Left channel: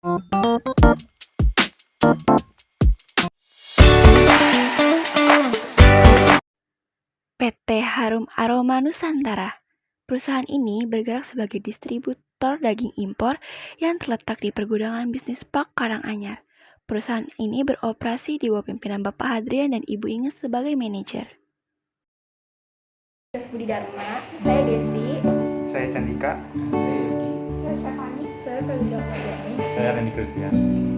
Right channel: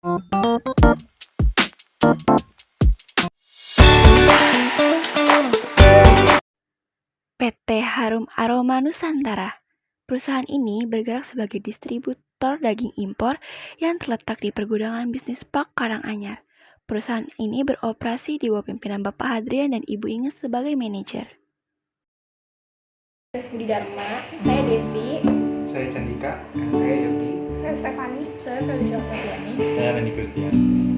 PT Harum Aroma Nusantara. Perusahaan ini bergerak sebagai distributor daging impor yang terletak di Pergudangan Bisnis Park Karanganyar. Perusahaan ini beroperasi di bawah pimpinan Bapak Hadrian dan Ibu Inges sebagai manajer. Budi Dharma, saya Desi, Saya Candika, saya Yogi. saya Stefani, saya Felicia Fardiani. Saya Randy Kristian.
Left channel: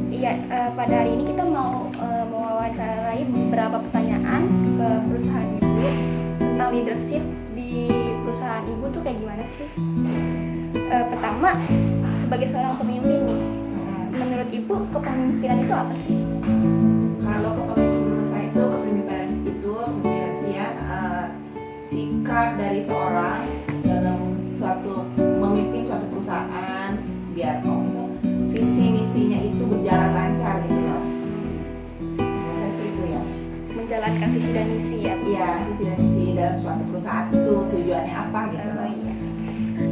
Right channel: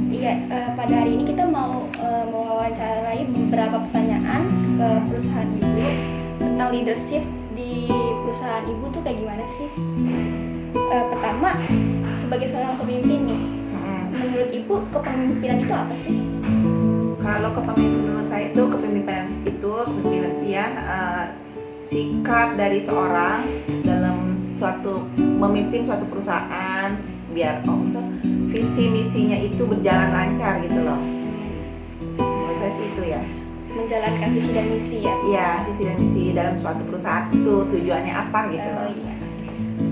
Iya, pada hari ini kita mau mewawancarai beberapa pertanyaan ke perusahaan ibu tentang leadership di perusahaan ibu tuh kayak gimana sih? Pertama, sebagai seorang pemimpin nih, menurut ibu kepemimpinan itu apa sih? Kalau kepemimpinan saya itu kepemimpinan ya sikap dari seorang dalam memimpin suatu perusahaan biar visi misinya itu berjalan lancar gitu loh. Menurut saya sih itu ya. Menjalankan visi dan misi ya? Iya, visi dan misi dalam suatu perusahaan itu tujuannya apa gitu loh. Iya.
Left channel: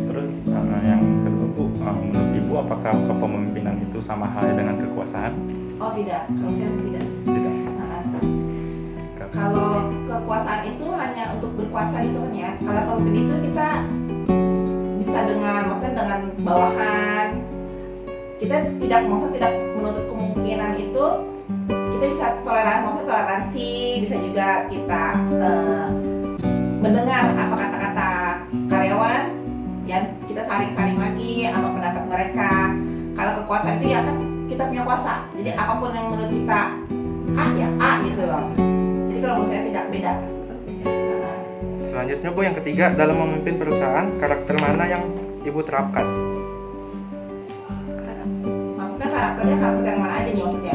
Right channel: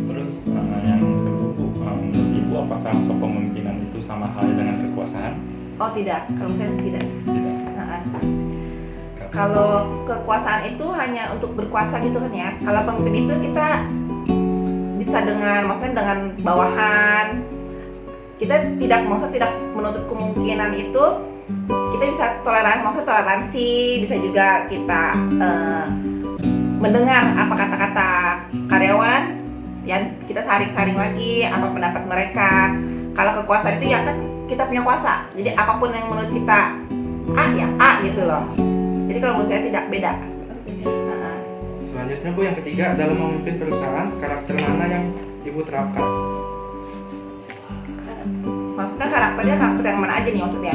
Terus yang kedua Bu, menurut Ibu apakah kepemimpinan itu sama halnya dengan kekuasaan? Oh tidak, kalau saya tidak. Tidak. Kalau kekuasaan itu hanya untuk berkuasa gitu kan ya. Kalau pemimpin itu kita bisa maksudnya dengan bawahan. Kita tidak menutup kemungkinan itu kita bisa toleransi, bisa juga kita mendengar apa kata-kata karyawan, ya kita saring lagi apa pendapat mereka. Kalau kekuasaan itu ya kan kita punya kuasa. Jadi apapun yang menurut kita A gitu loh. Jadi kalau menurut saya tidak beda. Selanjutnya Bu, yang ketiga, dalam memimpin perusahaan, karakter mana yang Ibu terapkan? Maksudnya karakter yang mana aja nih maksudnya?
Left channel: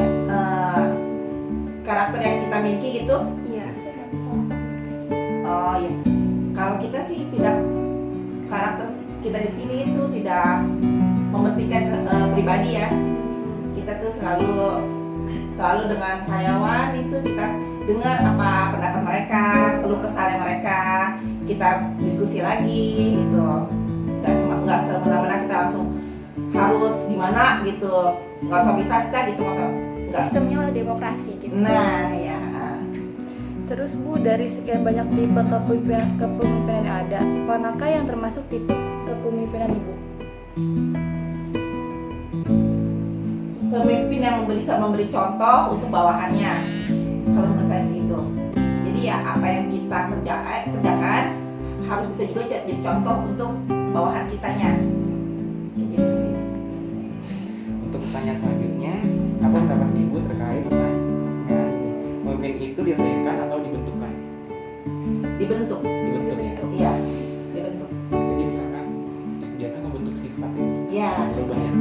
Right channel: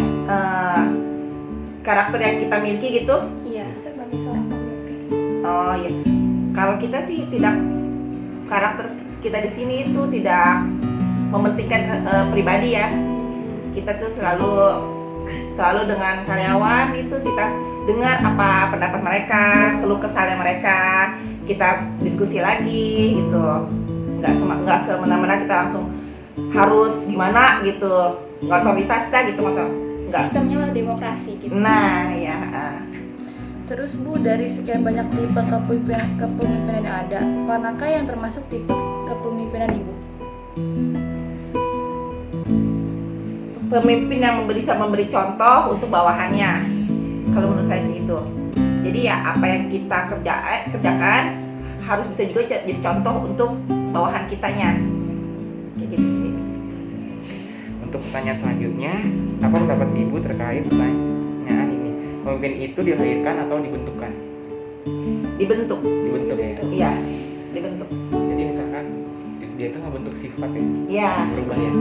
Karakter yang kita miliki gitu? Iya, sebagai seorang pemimpin. Oh iya. Kalau kita sih tidak, karakter kita di sini itu tidak mementingkan pribadi ya. Kita tuh selalu dengan karyawan itu kita dengar apa pendapat mereka, keluh kesahnya mereka, kita diskusi lagi gitu. Nggak semena-mena kita langsung harus gimana gitu, nggak otoritas dah gitu atau nggak. Sistemnya demokrasi gitu. Nah ya. Terus Bu, dari sekian banyak tipe kepemimpinan yang ada, manakah yang termasuk tipe kepemimpinan Ibu? Pemimpin yang bisa memberi contoh untuk bawahannya. Kalau menurut saya gitu. Jadi ya apa yang kita kerjakan harus bisa juga jadi contoh untuk bawahan kitanya. Kayak gitu sih. Untuk pertanyaan selanjutnya, apa pendapat Ibu terkait pertanyaan ini? Pemimpin itu dilahirkan atau dibentukkan? Dibentuk. Dibentuk. Iya, dibentuk. Jadi misalkan dia tuh ngebentuk sifat ya. Iya. Berubah ya.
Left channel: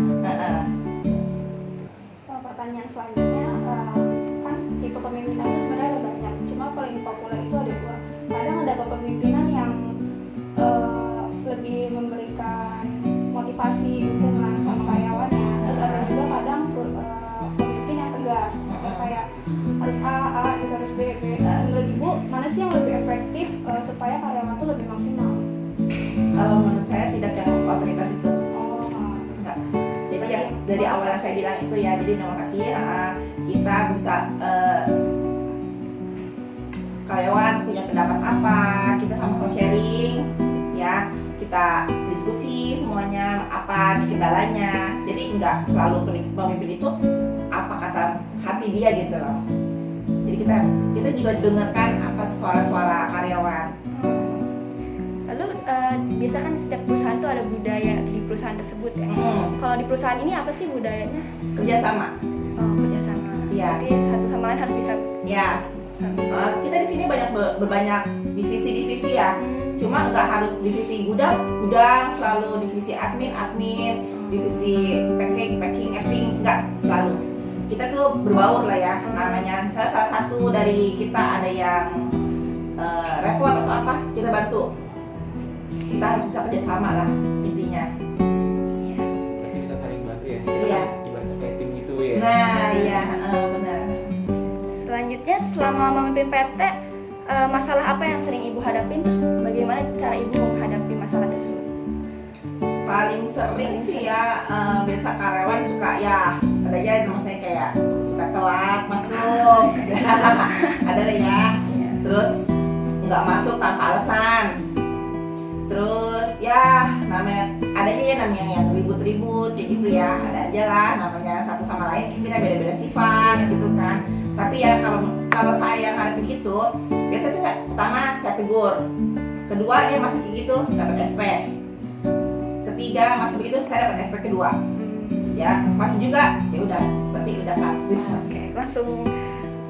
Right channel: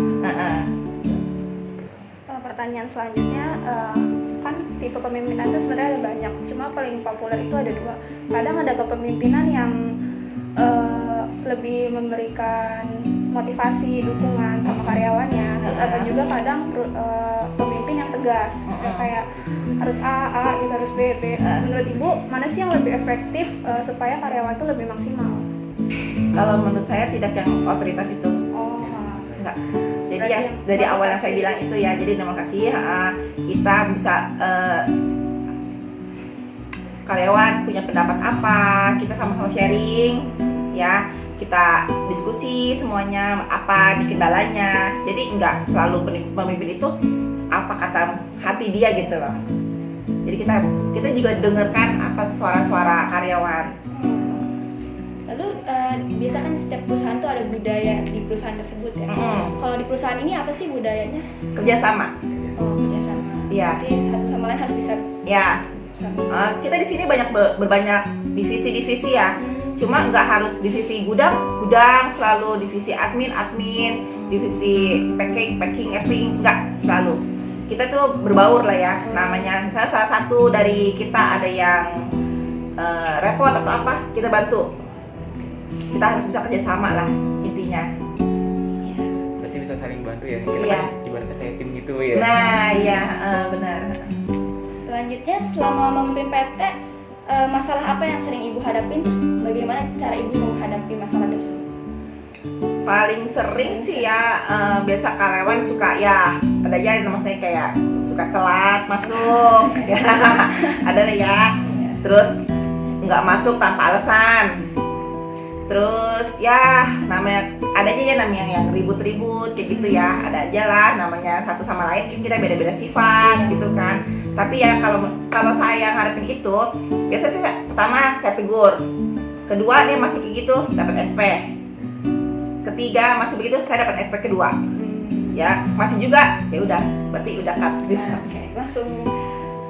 Pertanyaan selanjutnya, kan tipe kepemimpinan itu sebenarnya ada banyak, cuma paling populer itu ada dua. Kadang ada kepemimpinan yang lebih memberikan motivasi, dukungan sama karyawannya. Terus ada juga kadang pemimpin yang tegas, kayak harus A gitu, harus B. Menurut Ibu, mana sih yang lebih efektif supaya karyawan tuh lebih maksimal? Kalau menurut saya tidak yang otoritas itu. Enggak. Jadi ya dari awal yang saya bilang itu ya, jadi terima kasih kita bisa karyawan punya pendapat apa, kita sama-sama sharing ya, kita diskusi semuanya apa di kendalanya. Jadi enggak selalu pemimpin itu apa kata hati dia gitu loh. Jadi kita juga dengarkan apa suara-suara karyawan. Lalu biasa kan di setiap perusahaan tuh ada budaya di perusahaan tersebut ya. Kalau di perusahaan ini apa sih budayanya? Kerjasama. Oh, kerjasama. Iya. Jadi satu sama lain harus bisa. Ya. Kita di sini banyak berbanyak divisi-divisi ya. Cuma nggak harus divisi gudang selalu, divisi admin, divisi packing, nggak selalu. Kita tuh berbaur lah ya namanya. Misalnya salah satu dari kita ada yang repot atau apa, kita bantu. Kita harus bisa kerjasama lah intinya. Iya. Berarti bisa saling bantu ya. Kita Iya. kan ibaratnya kayak tim gitu ya. Nah ya benar. Selanjutnya, selama memimpin PT, masalah apa yang sering Ibu hadapin, terus bagaimana cara Ibu menghadapi masalah tersebut? Paling sering sih ya biasa karyawan suka ya ada aja yang namanya kayak suka telat masuk ada deh ya, terus nggak masuk tanpa alasan, terus ya namanya ada aja ya namanya yang ribut-ribut kayak gitu ya, ada aja lah namanya satu sama lain kita beda-beda sifat gitu kan. Tapi ya kalau saya ngarepin itu biasa sih pertama saya tegur, kedua dia masih kayak gitu dapat SP, ketiga masih begitu saya dapat SP kedua, ya masih juga ya udah berarti udah cut gitu. Oke, langsung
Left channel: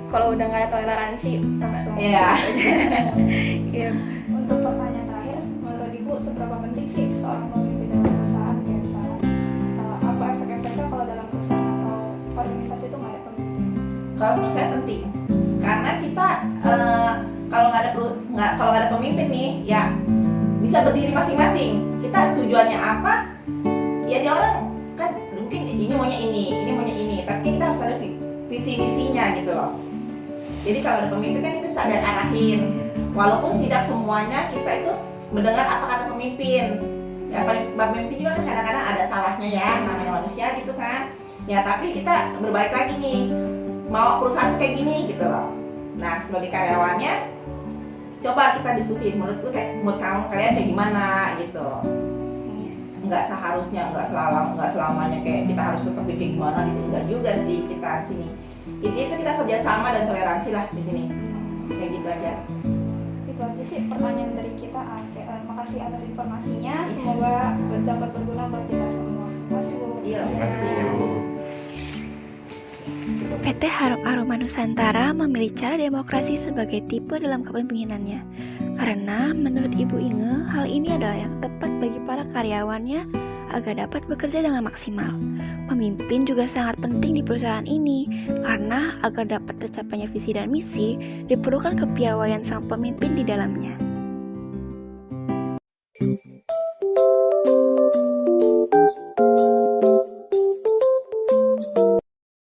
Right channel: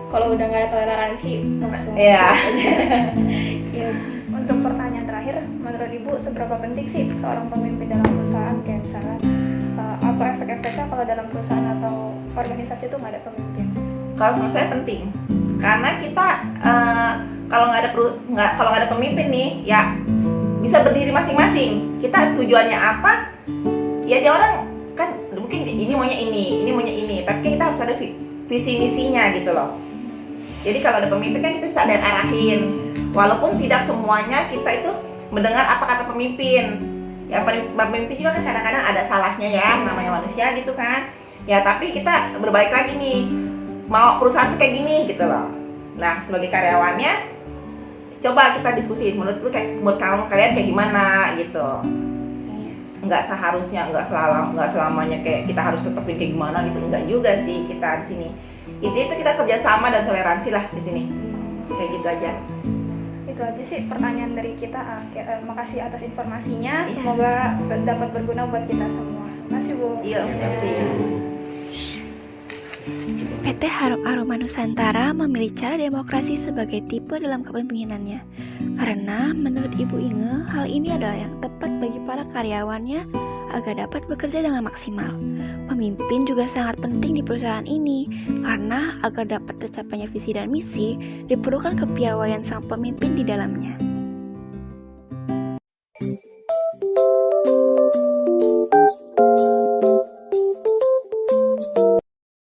kalau udah nggak ada toleransi langsung. Iya. Iya. Untuk pertanyaan terakhir, menurut Ibu seberapa penting sih seorang pemimpin dalam perusahaan? Kayak misalnya apa efek-efeknya kalau dalam perusahaan atau organisasi itu nggak ada pemimpin? Kalau menurut saya penting karena kita kalau nggak ada pemimpin nih ya bisa berdiri masing-masing. Kita tujuannya apa? Ya dia orang kan mungkin ini maunya ini, tapi kita harus ada visi misinya gitu loh. Jadi kalau ada pemimpin kan kita bisa ada yang arahin. Walaupun tidak semuanya kita itu mendengar apa kata pemimpin. Ya pemimpin juga kan kadang-kadang ada salahnya ya, namanya manusia gitu kan. Ya tapi kita berbalik lagi nih, mau perusahaan tuh kayak gini gitu loh. Nah sebagai karyawannya, coba kita diskusiin menurut kalian kayak gimana gitu. Nggak seharusnya, nggak selamanya kayak kita harus tetapin kayak gimana gitu, enggak juga sih kita di sini. Itu kita kerjasama dan toleransi lah di sini. Kayak gitu aja. Itu aja sih pertanyaan dari kita. Makasih atas informasinya. Semoga dapat berguna buat kita semua. Makasih Bu. Iya, makasih. PT Harum Aroma Nusantara memilih cara demokrasi sebagai tipe dalam kepemimpinannya. Karena menurut Ibu Inge, hal ini adalah yang tepat bagi para karyawannya agar dapat bekerja dengan maksimal. Pemimpin juga sangat penting di perusahaan ini, karena agar dapat tercapainya visi dan misi, diperlukan kepiawaian sang pemimpin di dalamnya.